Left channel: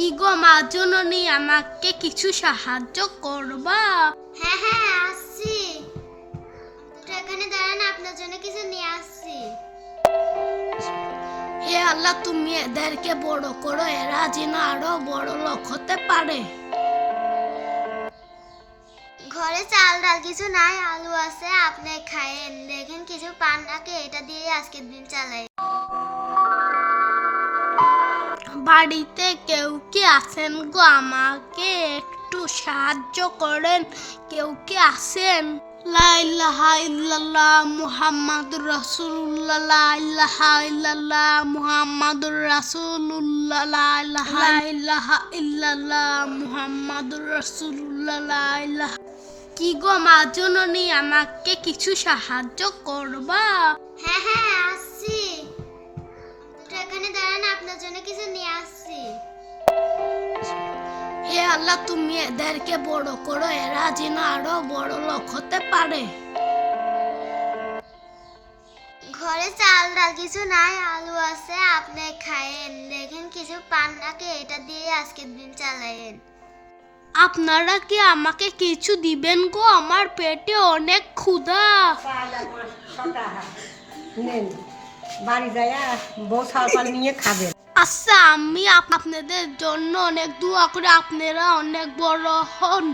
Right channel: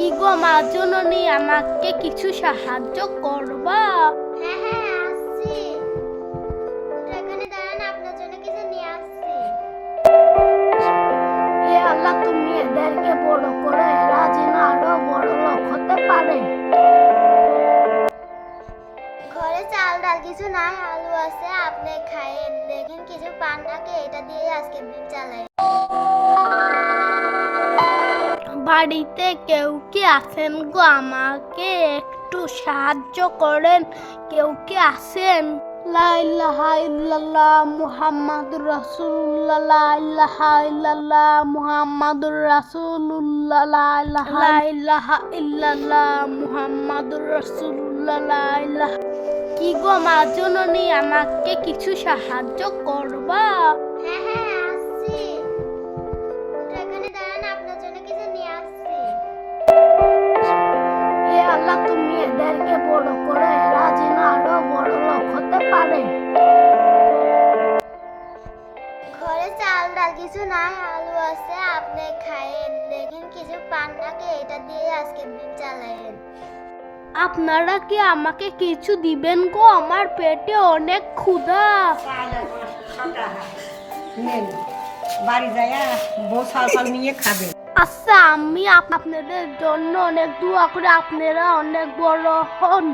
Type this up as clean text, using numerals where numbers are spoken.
কি গো মা জননী, আমাকে কিছু সাহায্য করবা? হ্যাঁ হ্যাঁ আসছি, একটু এখানে দাঁড়ান, আপনার জন্য কিছু নিয়ে আসছি। হে আল্লাহ, তুমি এদেরকে বড় করো, এরা যেন আরো বড় লোক হতে পারে। ঘরে চাল ডাল কিছু নাই, আলু আছে, আপনি খায়েন। দেখেন কিছু পান নাকি, এটা দিয়ে আজকের দিন চালাই। বাড়িতে কেউ কি আছেন গো? আমাকে একটু সাহায্য করেন। কেউ কি আছেন? লা ইলাহা ইল্লাল্লাহ মুহাম্মাদুর রাসূলুল্লাহ, লা ইলাহা ইল্লাল্লাহ মুহাম্মাদুর রাসূলুল্লাহ, লা ইলাহা ইল্লাল্লাহ মুহাম্মাদুর রাসূলুল্লাহ, লা ইলাহা। কি গো মা জননী, আমাকে কিছু সাহায্য করবা? হ্যাঁ হ্যাঁ আসছি, একটু এখানে দাঁড়ান, আপনার জন্য কিছু নিয়ে আসছি। হে আল্লাহ, তুমি এদেরকে বড় করো, এরা যেন আরো বড় লোক হতে পারে। ঘরে চাল ডাল কিছু নাই, আলু আছে, আপনি খায়েন। দেখেন কিছু পান নাকি, এটা দিয়ে আজকের দিন চালায়েন। আপনারা কি আমাকে কিছু দিবেন গো? আমার পেটে অনেক ক্ষুধা। নেন, বাড়ি যায় বউ সাল নিয়ে খাবেন। আচ্ছা, আমি আপনাদের জন্য অনেক দোয়া করে, আপনারা অনেক বড় হন।